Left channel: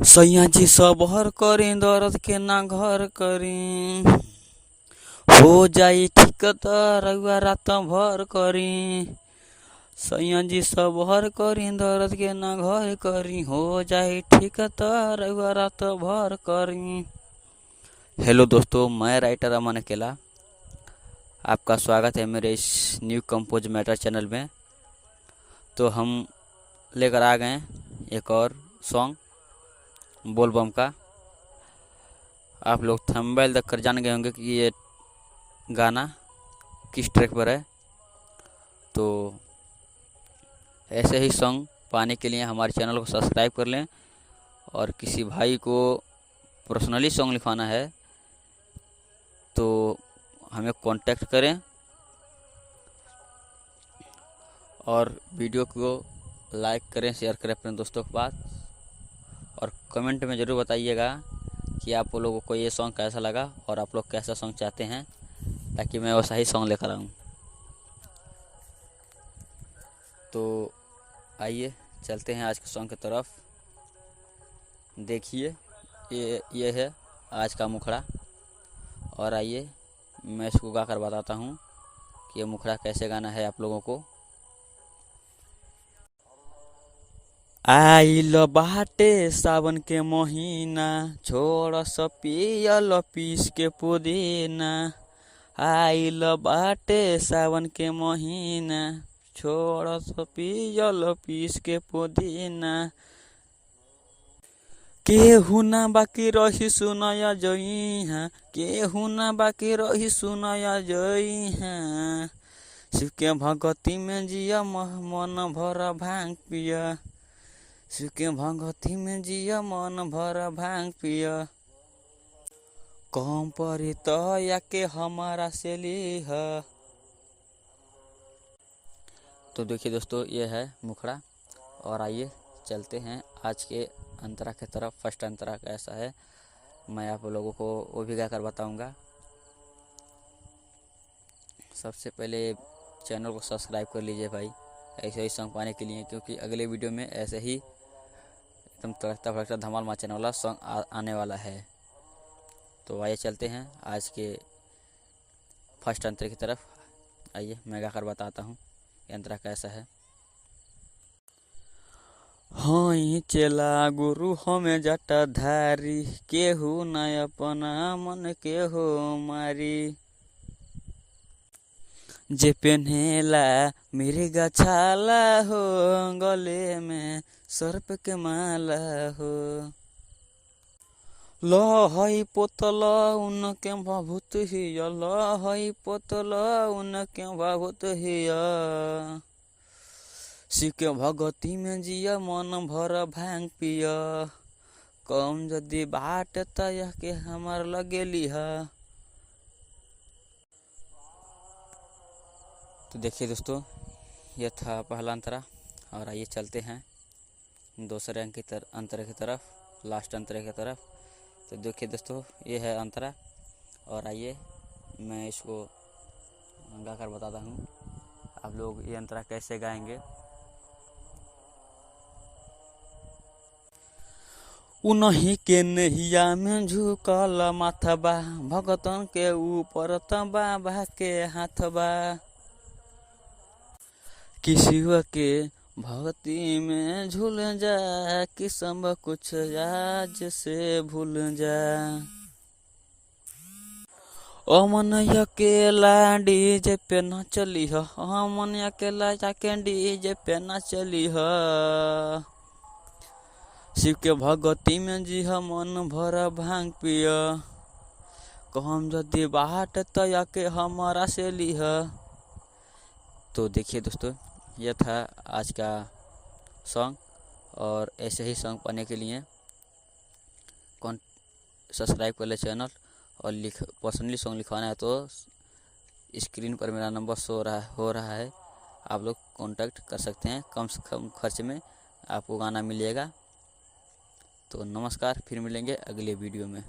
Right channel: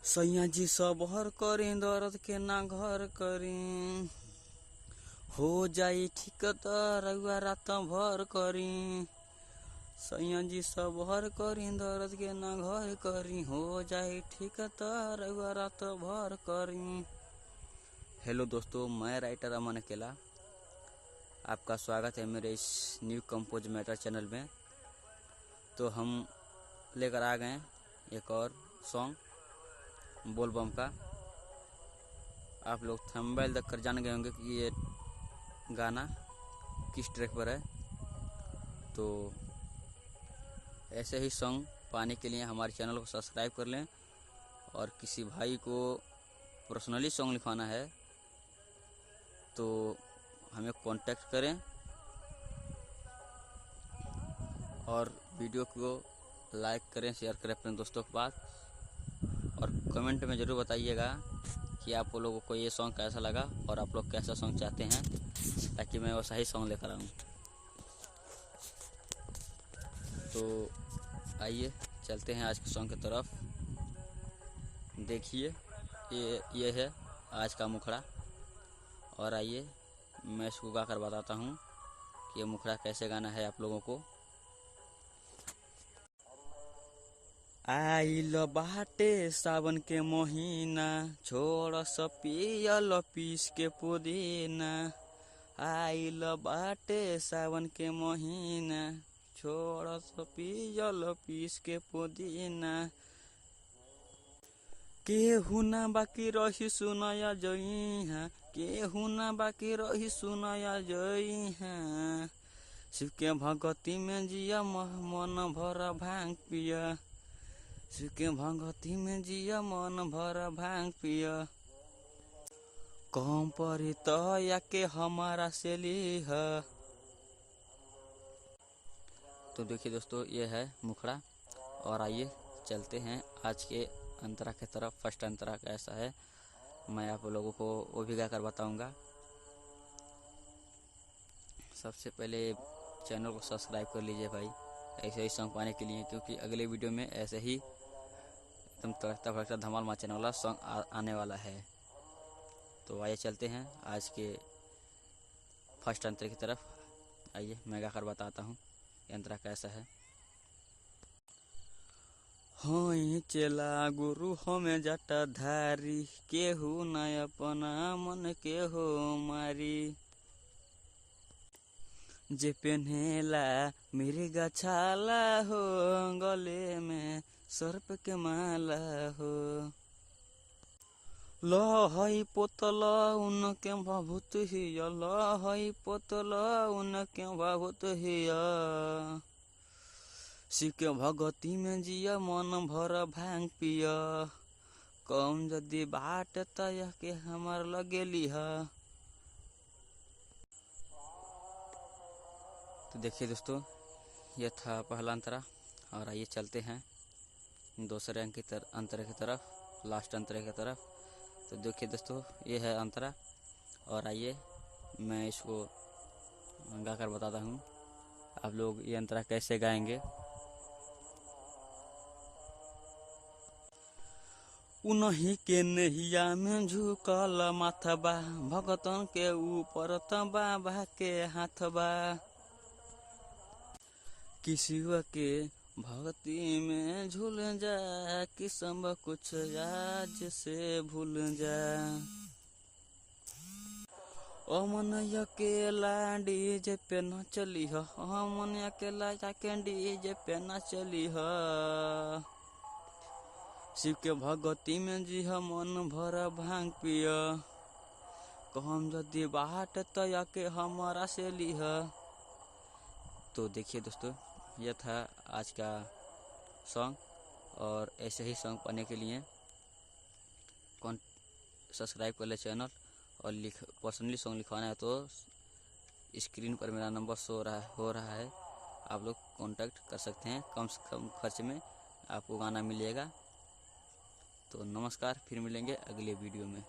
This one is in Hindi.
सैया जी सबहर करी दर्द के ना घर करी। हो जाई ठीक त रउआ रात भर करी। सैया जी सबहर करी दर्द के ना घर करी। हो जाई ठीक त रउआ रात भर करी। हेलो दोस्तों, मैं राइटर अमन अकेला आपका स्वागत है मेरे इस न्यू कंपोज मैटर चैनल में। तो हम लेकर आ गए एक और सॉन्ग बोलबम का। आप लोग थंबनेल देखकर जान गए होंगे कि ये गाना किस ट्रैक पर है। तो ऐसे ही सॉन्ग पाने के लिए हमारे चैनल को सब्सक्राइब कर लें, और किसी भाई को पर्सनली सॉन्ग लिखवाना है तो हमें कांटेक्ट करें, और वीडियो को लाइक करें, शेयर करें अपने दोस्तों के पास, और कमेंट में ज़रूर बताइएगा कि आप लोगों को ये सॉन्ग कैसा लगा और आप लोग कैसा सॉन्ग चाहते हैं, ताकि मैं वैसा ही सॉन्ग लेकर आऊँ। तो आइए चलते हैं आज के सॉन्ग की तरफ। देखिए ये है आज का मुखड़ा, और आइए मैं इसको गाकर बताता हूँ कि ये मुखड़ा कैसे गाना है आप लोगों को। आइल बाटे सावन के महीना, छोड़ स पियल पीस के पुदीना। आइल बाटे सावन के महीना, छोड़ स पियल पीस के पुदीना। केहू ना बाकी रही सुनया जइहा, केहू ना बाकी रही सुनया जइहा। शिव के भगती में जिया मन भर भांग पिया। शिव के भगती में जिया मन भर भांग पिया। कम परी तो या के हमारा से लीह। तो देखिए दोस्तों, ये है मुखड़ा, और आइए चलते हैं आज के अंतरा की तरफ। फर्स्ट अंतरा कैसा है मैं आप लोगों को वो भी गाकर बताऊंगा। सबसे पहले चैनल को सब्सक्राइब कर लीजिए भाई, ऐसे ही सॉन्ग पाने के लिए, क्योंकि अगले वीडियो में ऐसे ही एकदम तड़कता भड़कता धमाल मचाने वाला सॉन्ग आने वाला है। तो आइए चलते हैं आज के फर्स्ट अंतरे की तरफ। आइए मैं गाकर बताता हूँ अंतरा कैसा है। हाँ चेला गुरु हमें जटा धारी, केहू न अपना मन के हो मारी। जे पेन्हेला मेरे गछाला हो, गले में सर्प के माला हो। लहई पोतल उनके भभूत हिया, लहई पोतल उनके भभूत हिया। शिव के भगती में जिया मन भर भांग पिया। कम जदि बाट तय के हमार लगे लिहा। तो देखिए दोस्तों, यह था पहला अंतरा, और आइए चलते हैं दूसरे अंक की अंतरे की तरफ, लास्ट अंतरे की तरफ। तो देखिए दोस्तों, ये है अंतरा, और आइए मैं इसको गाकर बताता हूँ आप लोग ये अंतरा कैसे गाएंगे। उन्हीं के नैया में झुकल माथबा, भगतन के ऊपर बाबा के हाथबा। किसिवा के भक्ति में झूल जा, कि सब कुछ आज से भूल जा। अमन अकेला डीजे पे न चली ह, अमन अकेला जाके डीजे पे न चली ह। शिव के भगती में जी मन भर भांग पिया। कहम जदि बाट तया के हमारा से लीह। तो देखिए दोस्तों, यह था आज का सॉन्ग, और ऐसे ही सॉन्ग पाने के लिए कौन सब्सक्राइब कर ले चैनल, और पर्सनली सॉन्ग लिखवाना है तो स्क्रीन पर मेरा नंबर हो रहा है, आप लोग कांटेक्ट कर सकते हैं। कम से कम खर्च में आपको गाना मिलेगा। तो नमस्कार, फिर मिलेंगे अगले वीडियो में।